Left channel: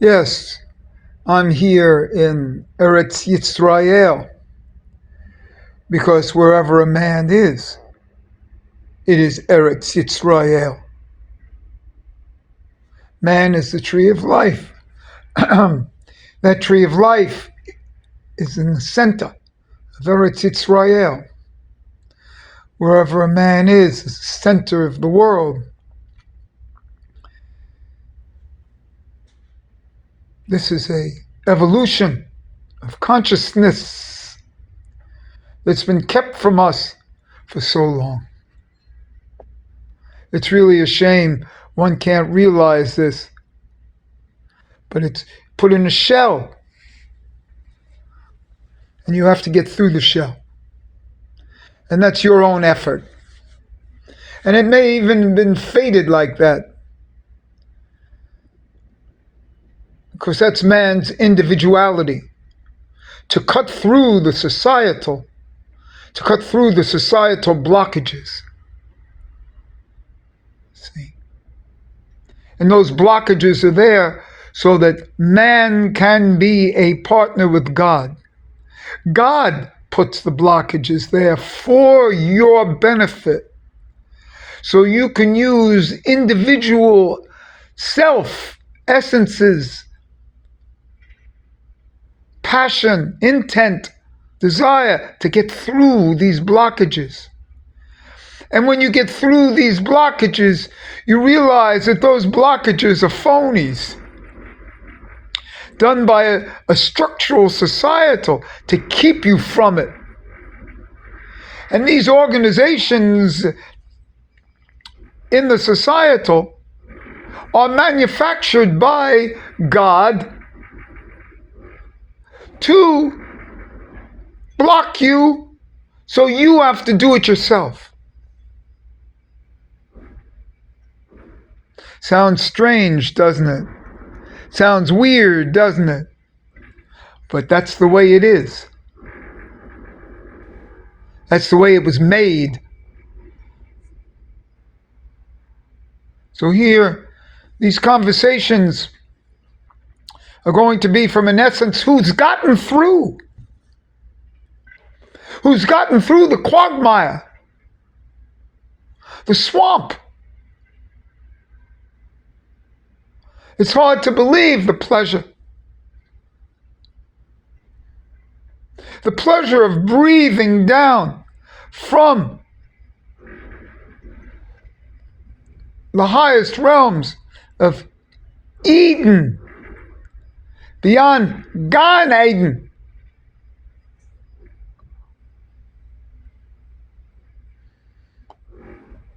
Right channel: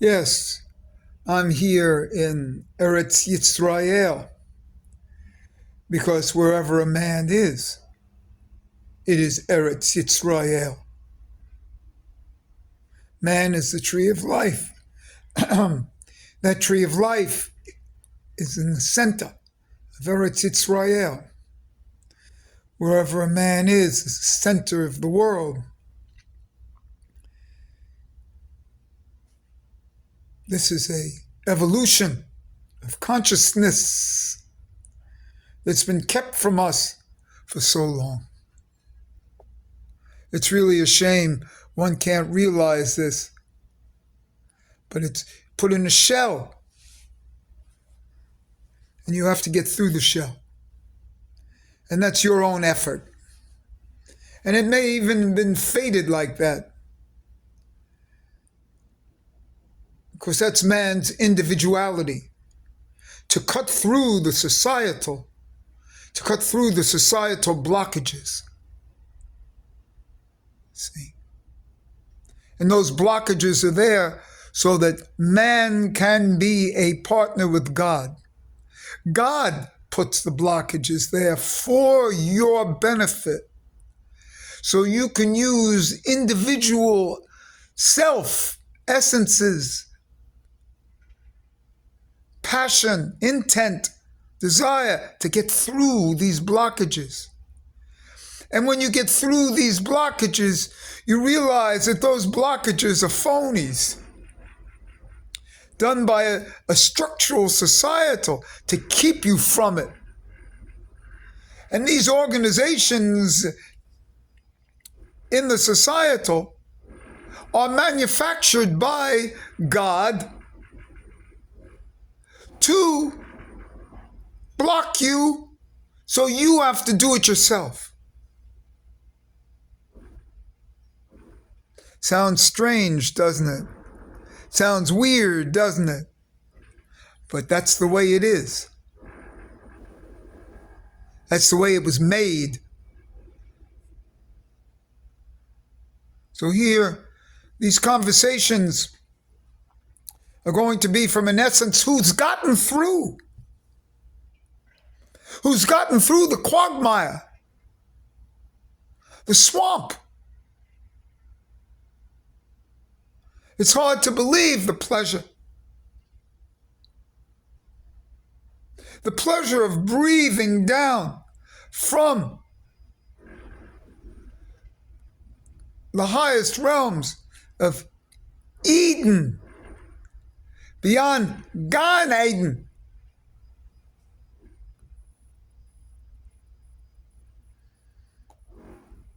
Yes, I'm here in Eretz Yisrael because wherever a man is, it is Eretz Yisrael. Man is the tree of life. That tree of life is in the center of Eretz Yisrael. Wherever a man is the center of the world. This is a evolution of consciousness that's been kept from us for so long. It's really a shame one can't realize this, but it's put in a shell, and you have to get through the shell. And that's your own effort. And it may even have been fated like that, because that's man's individuality, to cut through the societal blockages. See? And those blockages are there so that man can be a partner with God. God puts the blockages there for your benefit, so you can use individual self essences, passion, intent, desire to get through these blockages. And when you get through these blockages, you realize that those blockages are phonies, done by a structural societal to keep you from it. And these organizations in the societal are manufactured by God to block you, so you have to do it yourself. Sounds strange, doesn't it? Sounds weird, doesn't it? But that's the way it is. That's the way it was made. So here, these conversations are going to be from, in essence, who's gotten through? Who's gotten through the quagmire, the swamp? It's hard to believe the pleasure. The pleasure of breathing down from the highest realms of Eden, beyond Gan Eden.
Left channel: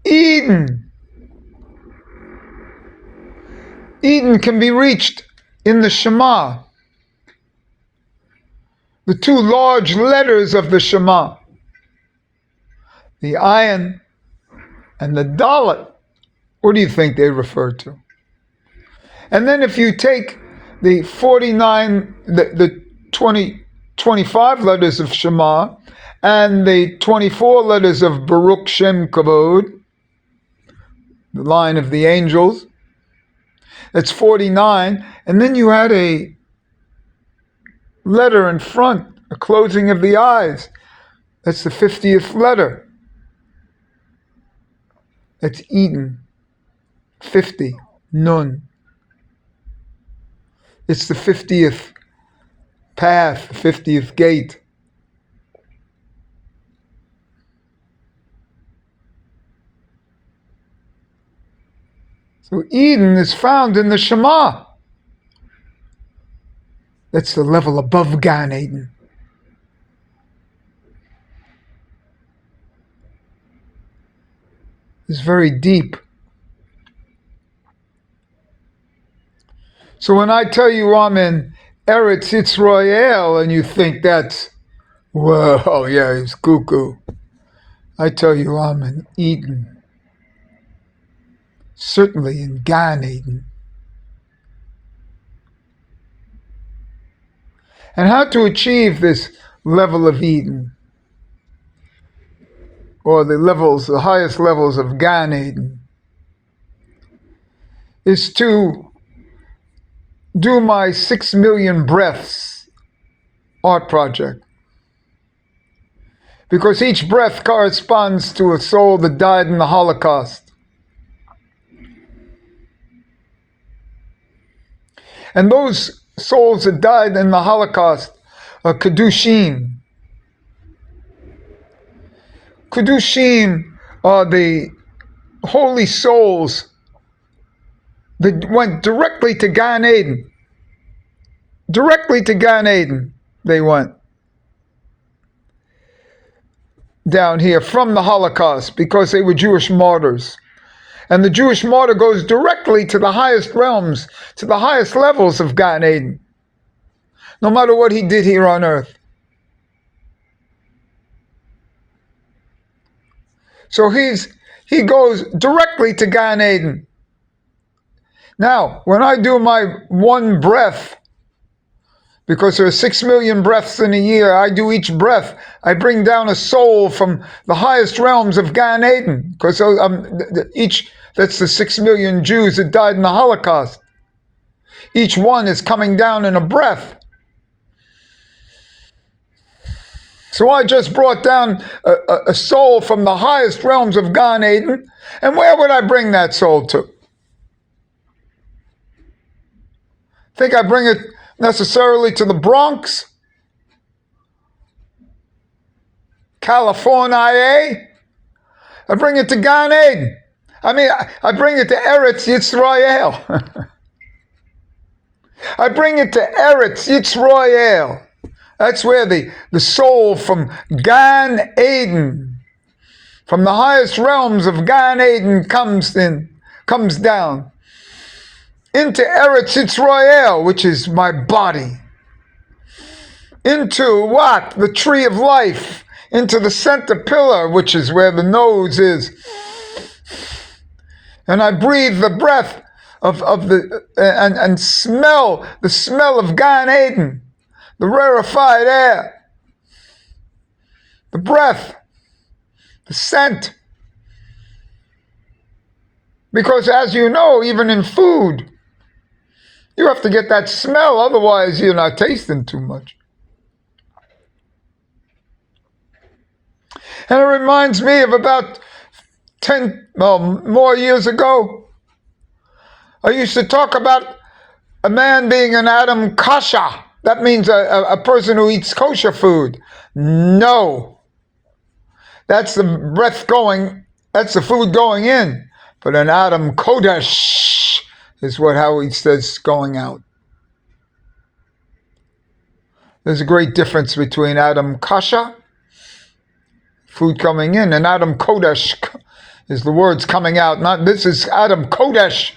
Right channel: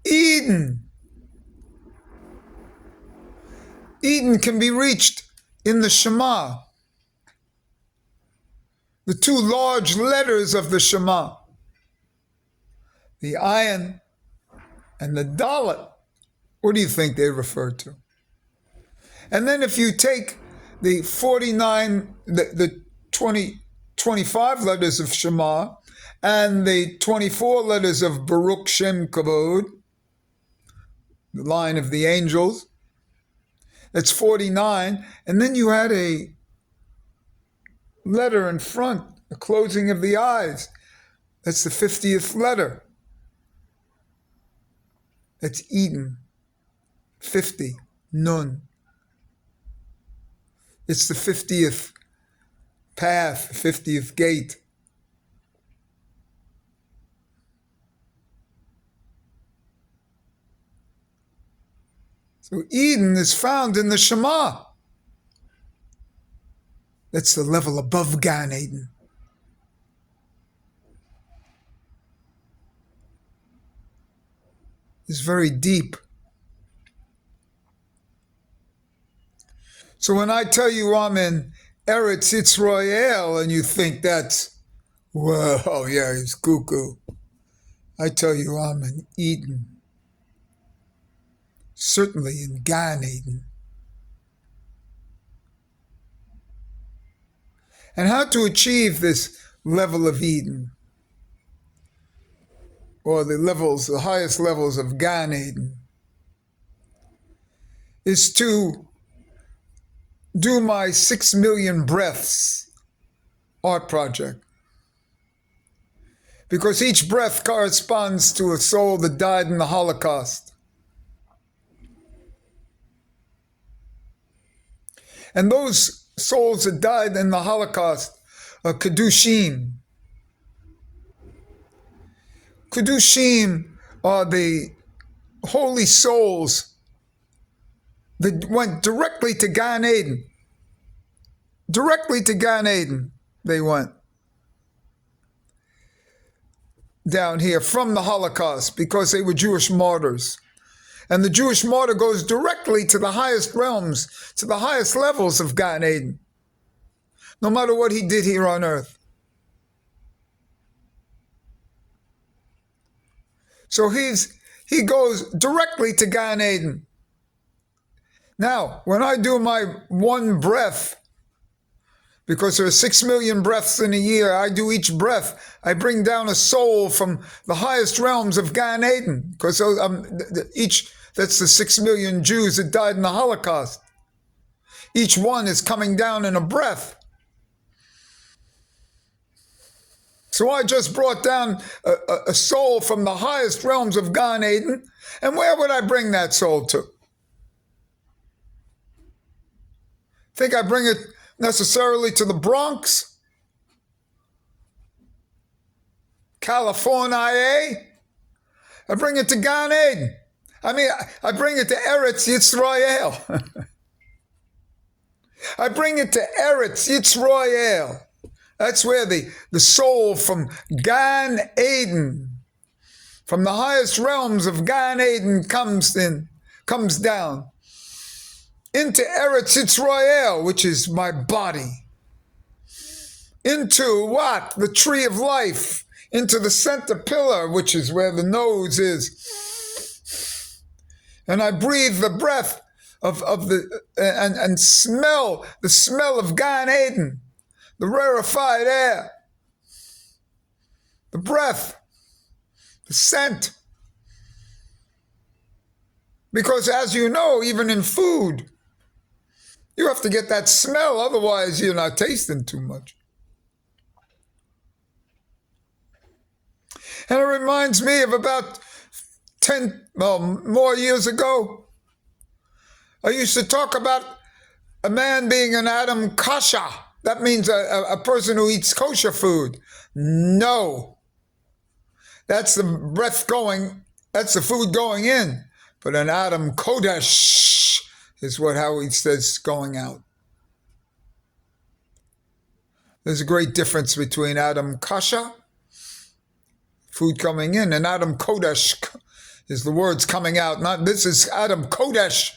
Eden. Eden can be reached in the Shema, the two large letters of the Shema, the Ayin and the Dalet. What do you think they refer to? And then if you take the 25 letters of Shema and the 24 letters of Baruch Shem Kavod, the line of the angels, that's 49. And then you had a letter in front, a closing of the eyes. That's the 50th letter. That's Eden. 50. Nun. It's the 50th path, the 50th gate. So Eden is found in the Shema. That's the level above Gan Eden. It's very deep. So when I tell you I'm in Eretz Yisrael and you think that's, whoa, yeah, he's cuckoo. I tell you I'm in Eden. Certainly in Gan Eden. And how to achieve this level of Eden, or the highest levels of Gan Eden, is to do my 6 million breaths art project. Because each breath corresponds to a soul that died in the Holocaust. And those souls that died in the Holocaust are Kedushim. Kedushim are the holy souls that went directly to Gan Eden. Directly to Gan Eden they went. Down here from the Holocaust because they were Jewish martyrs. And the Jewish martyr goes directly to the highest realms, to the highest levels of Gan Eden, no matter what he did here on earth. So he goes directly to Gan Eden. Now, when I do my one breath, because there are 6 million breaths in a year, I do each breath. I bring down a soul from the highest realms of Gan Eden, because that's the 6 million Jews that died in the Holocaust. Each one is coming down in a breath. So I just brought down a soul from the highest realms of Gan Eden, and where would I bring that soul to? Think I bring it necessarily to the Bronx? California? I bring it to Gan Eden. I mean, I bring it to Eretz Yisrael. I bring it to Eretz Yisrael. That's where the soul from Gan Eden, from the highest realms of Gan Eden comes down into Eretz Yisrael, which is my body. Into what? The tree of life. Into the center pillar, which is where the nose is. And I breathe the breath and smell the smell of Gan Eden, the rarefied air, the breath, the scent. Because as you know, even in food, you have to get that smell, otherwise you're not tasting too much. And it reminds me of about 10 more years ago. I used to talk about a man being an Adam Kasha. That means a person who eats kosher food. No. That's the breath going, that's the food going in. But an Adam Kodesh is how he says going out. There's a great difference between Adam Kasha, food coming in, and Adam Kodesh is the words coming out. Not this is Adam Kodesh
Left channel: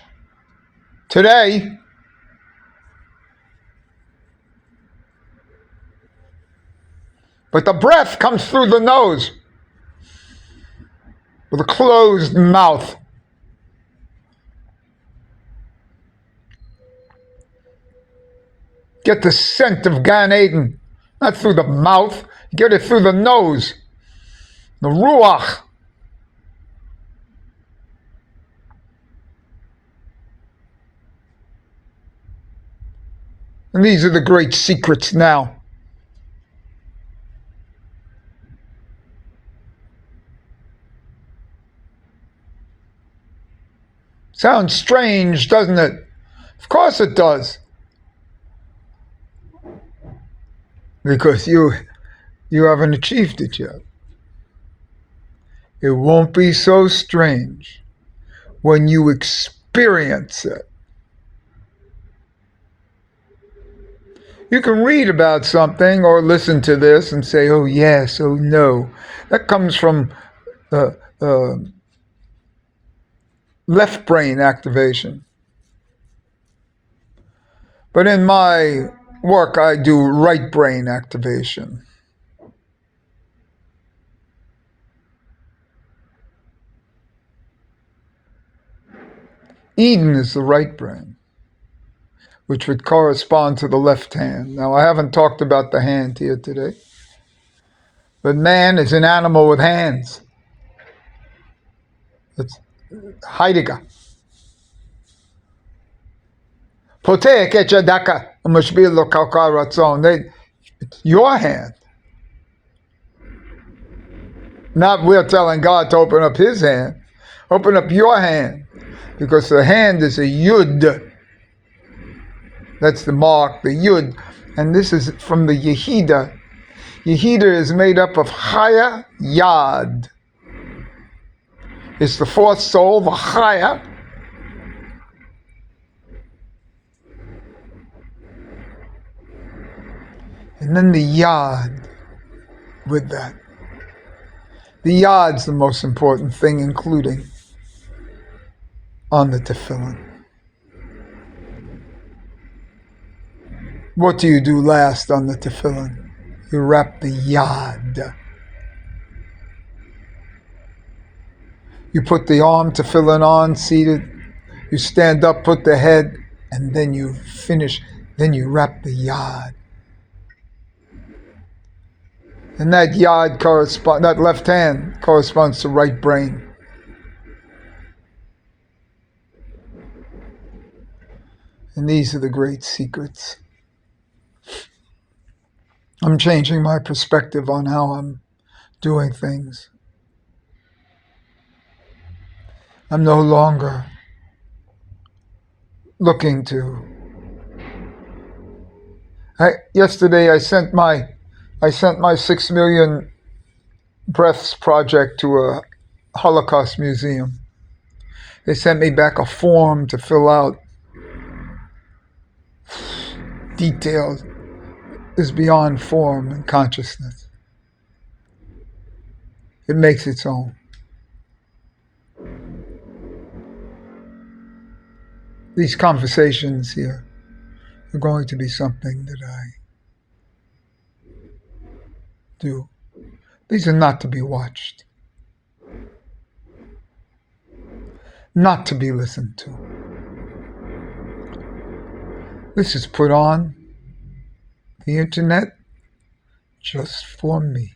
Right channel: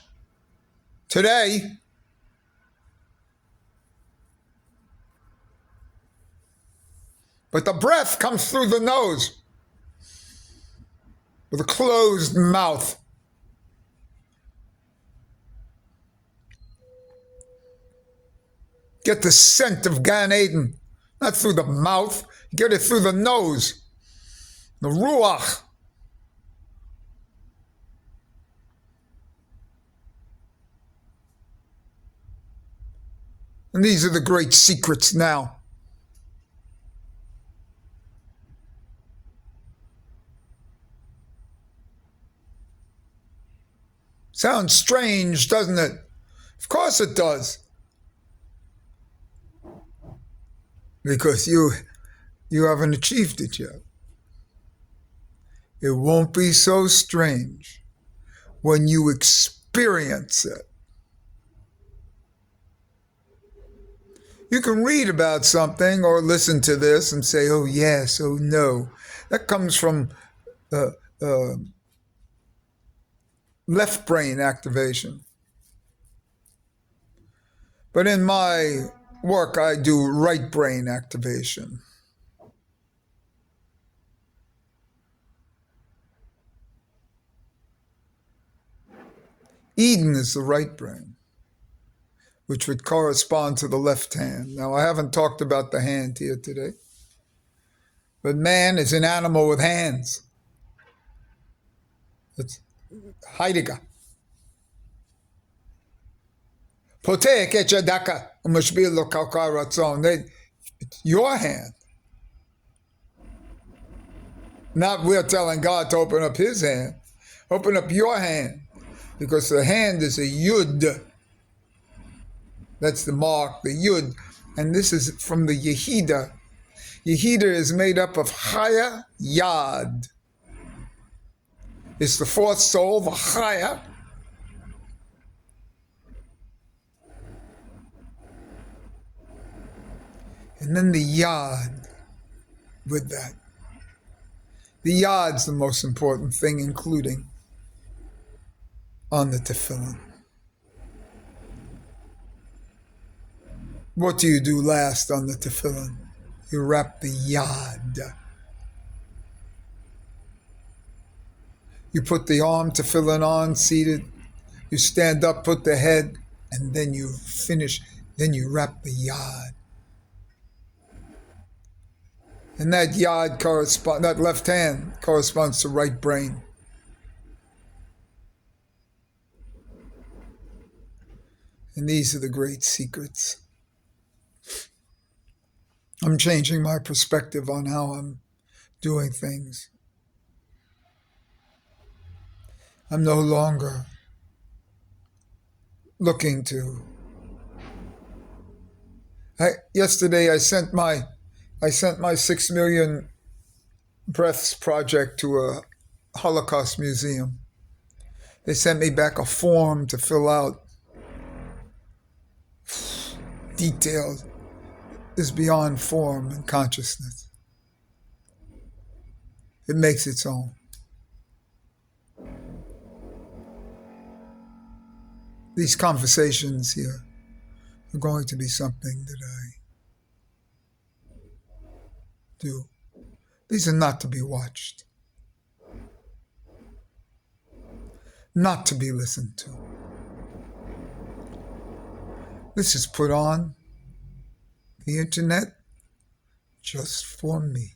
today. But the breath comes through the nose with a closed mouth. Get the scent of Gan Eden, not through the mouth. Get it through the nose, the ruach. And these are the great secrets now. Sounds strange, doesn't it? Of course it does. Because you haven't achieved it yet. It won't be so strange when you experience it. You can read about something or listen to this and say, oh yes, oh no. That comes from left brain activation. But in my work, I do right brain activation. Eden is the right brain, which would correspond to the left hand. Now, I haven't talked about the hand here today, but man is an animal with hands. It's Heidegger. Poteh kechadaka umashbil lo kalkal ratzon. It's your hand. Not we're telling God to open up his hand. Open up your hand. Because the hand is a yud. That's the mark, the yud. And this is from the Yehida. Yehida is made up of Chaya, Yad. It's the fourth soul, the Chaya. And then the Yad with that. The Yad's the most important thing, including on the tefillin. What do you do last on the tefillin? You wrap the Yad. You put the arm tefillin on, seated. You stand up, put the head, and then you finish. Then you wrap the Yad. And that Yad that left hand corresponds to right brain. And these are the great secrets. I'm changing my perspective on how I'm doing things. I'm no longer looking to. Yesterday I sent my 6 million breaths project to a Holocaust museum. They sent me back a form to fill out. Detailed is beyond form and consciousness. It makes its own. These conversations here are going to be something that I do. These are not to be watched, not to be listened to. This is put on the internet just for me.